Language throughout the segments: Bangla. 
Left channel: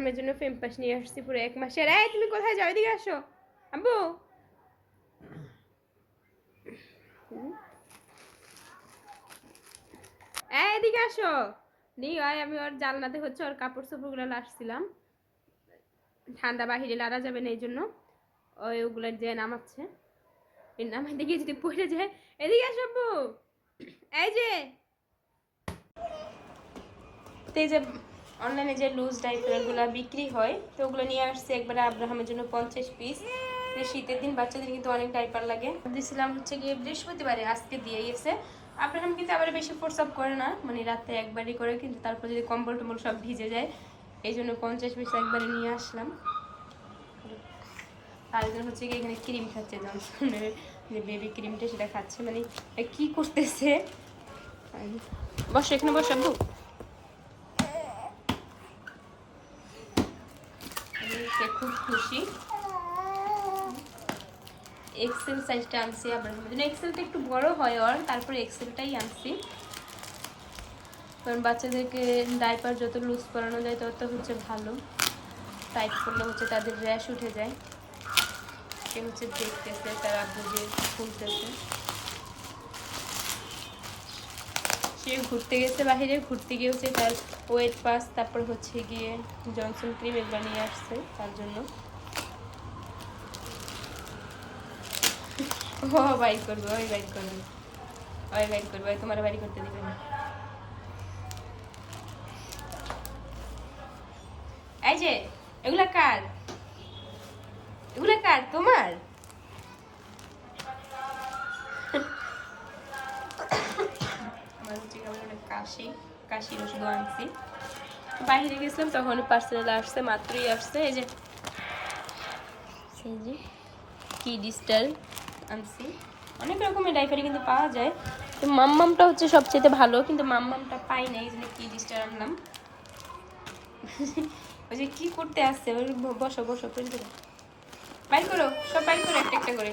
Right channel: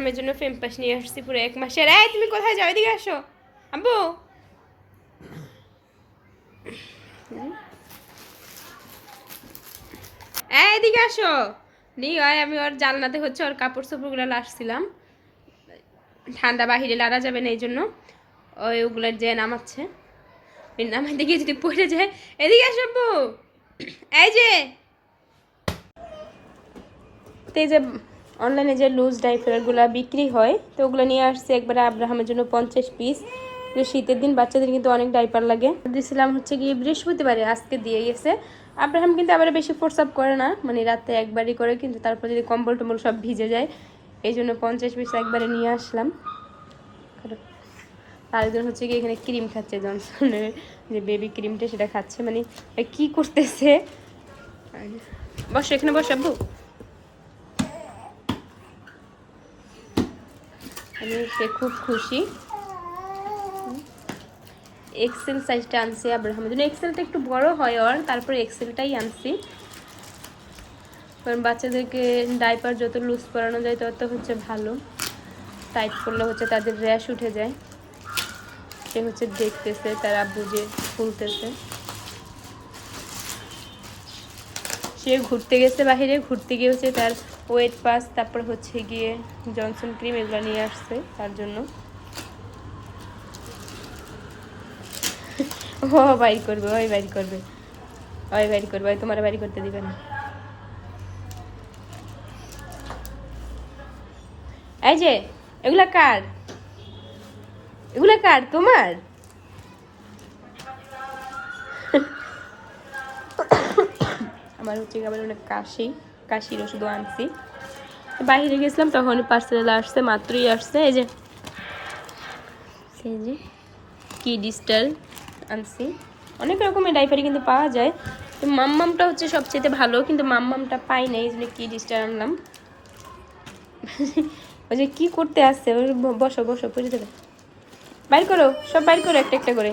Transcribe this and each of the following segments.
আব্রাহামের জন্য ফেমপাস নিয়ে আসছি পুরো 1 মাসের। এই তুমি কোথায় যাও, এদিকে আসো আব্বু। এদিকে আসো। আমি ওর জানলাতে হচ্ছে ওর কাপড় চোপড়গুলো লাসছিলাম, ঠান্ডা বাহিরে লাড়া যাবে না এই জন্য ওগুলোর যে নামাচ্ছে, নামাইতে গিয়ে যদি পড়ে যায়। এদিকে আসো আব্বু। এই যে অনলাইনে যে লুজ ডাইপারগুলো বিক্রি হয় তো ওগুলো নিয়ে আসছে একবারে আব্রাহামের জন্য 50 পিস। শীতের দিন বাচ্চাদের কিন্তু অনেক ডাইপার লাগে। দিয়েছিলাম হচ্ছে কি বৃহস্পতিবারে, আজকে দিয়ে গেছে। আব্রাহাম কিন্তু আবার বেশি প্রস্রাব করে না, মানে রাতে একবারই করে, কিন্তু তারপর যদি কম্বল টম্বল সব ভিজে যায় এই জন্য 50 পিস একবারে নিয়ে আসলাম। আরেকজন হচ্ছে কি এখানে ক্রিম খাচ্ছে, জনসনের যে বেবি ক্রিমটা সেটা খাচ্ছে, মানে কি করতেছে। বসো এখানে, বসো আব্বু। সে খুব খুশি। এক্সেল সাইজটা আনছি আব্রাহামের জন্য, এক্সেলটা একটু বড় হয় ওর, তারপরে এক্সেলটাই আনছি। কারণ বাচ্চাদেরকে ডাইপার যত লুজ করানো যায় তত হচ্ছে ভালো, টাইট করলে হচ্ছে তাদের র্যাশ উঠে যায়। সে হচ্ছে দেখতেছে তার আব্বু যে খুলতেছে। সে ঘুরতে গেছে বাহিরে, ঘুরতে গিয়ে হচ্ছে তার ওয়েট পাস, তারপর হচ্ছে গিয়ে জনসন ক্রিম এগুলো নিয়ে আসছে তার জন্য। ও বাইর করবে, ওই বাইর করবে, ওই বাইর করবে, ওই তোমার বাড়ি করতে দিবে না। এই যে এগুলা কার, এগুলা কার, তোমার? আমার হচ্ছে আবার অনেক কাশির ওষুধও আনছি। বাইরে গেছিলাম তখন পার্সেল আসছে, মাত্রই আসছে। এই যে কি ডিস্টাল আনছি, অনেক রকমের ডাইপারই কিন্তু পাওয়া যায়। তো মাম্মামটা হচ্ছে সবচেয়ে ভালো, কিন্তু মাম্মামটা পাই না, এই জন্য কি ডিস্টাল আনলাম। ওই যে কি করতে আসছে, বসো বসো, পড়ে দেবে। বাইর করো, সব বাইর করো একটা একটা করে।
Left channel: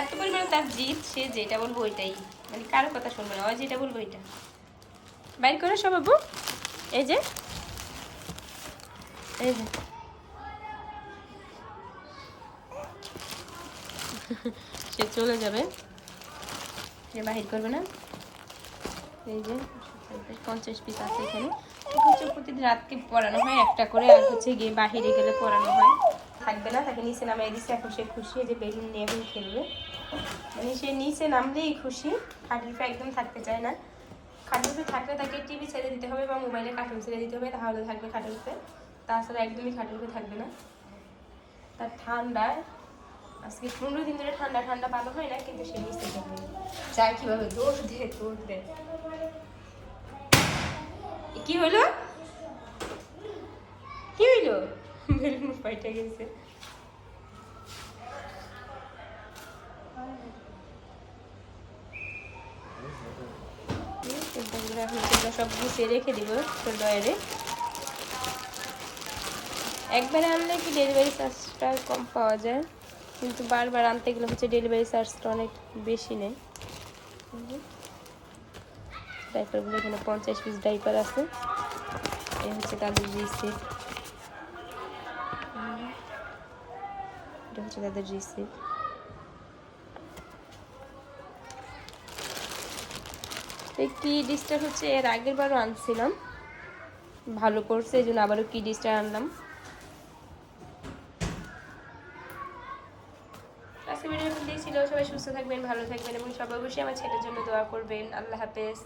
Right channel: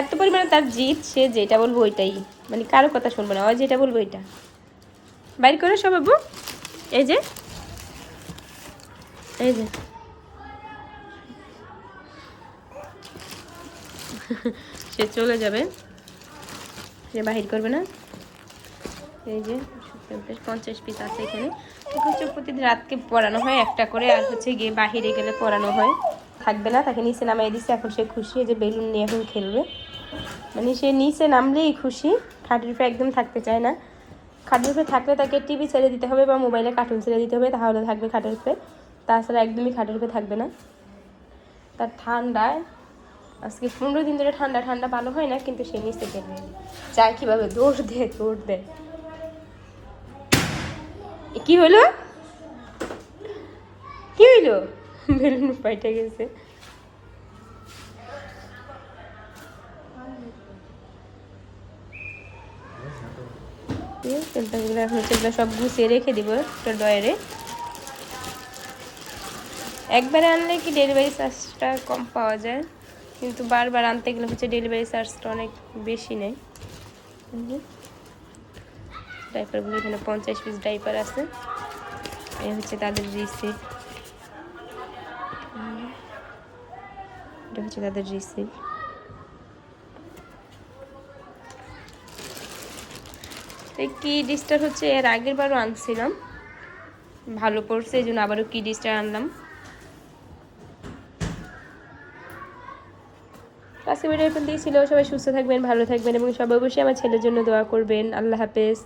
এত পরিমাণে তার জিদ, সে যেটা বলবো ওইটাই, মানে কারো কথা শুনবো না, ওই যেটা বলবো ওইটা। বাইর করো সব বাবু। এই যে এই যে সে চলে যাবে, সে বাহির করবে না। এই যে 50 পিস আছে এখানে। হচ্ছে প্রতিদিন রাতকে পড়ানো হয় একটা করে, আর হচ্ছে গিয়ে বাহিরে গেলে পড়ানো হয়। থাকবে না, তাকে নিচে নামাই দিচ্ছে। এখন সে খুশি যে বেলুন নিয়ে এখন খেলবে, মানে সে নিচে নামলেই খুশি, খাটের উপরে একদম থাকতে চায় না। খাটের উপরে থাকলে তাকে টিভি ছেড়ে দিতে হবে বা মোবাইলে কার্টুন ছেড়ে দিতে হবে, তাহলে থাকবে খাটের উপরে, তাছাড়া একদমই খাটের উপরে থাকবে না। তার ঠান্ডায় আজকে 15 দিন ধরে ঠান্ডা ঠান্ডা ভালো হয় না, কিন্তু সে নিচে খেলবে, যায় কীভাবে, দৌড় দে। কি হলো, কি হইলো? বেলুন পাইটা গেছে। এখন সব গুছিয়ে রেখে দিব ডয়ারে। একবারে আনলে কি ডেলিভারি চার্জটা কম পাওয়া যায়, কিন্তু বারবার আনতে গেলে হচ্ছে ডেলিভারি চার্জটা অনেক বেশি নেয়। ডাইপারগুলো এখানে 50 পিস ডাইপার আছে, এই হচ্ছে তাদের রিসিভ, এটা হচ্ছে তাদের রিসিভ। কি ডিশটা হচ্ছে এর আগের বারও আনছিলাম, ভালো পড়ছে, এই জন্য আবারও কি ডিশটা আনলাম। আজকে ভিডিও এখন দিয়েছিল, সবাই সুস্থ থাকবেন, ভালো থাকবেন, এবং সবাই অবশ্যই আমার ছেলের জন্য দোয়া করবেন। আল্লাহ হাফেজ।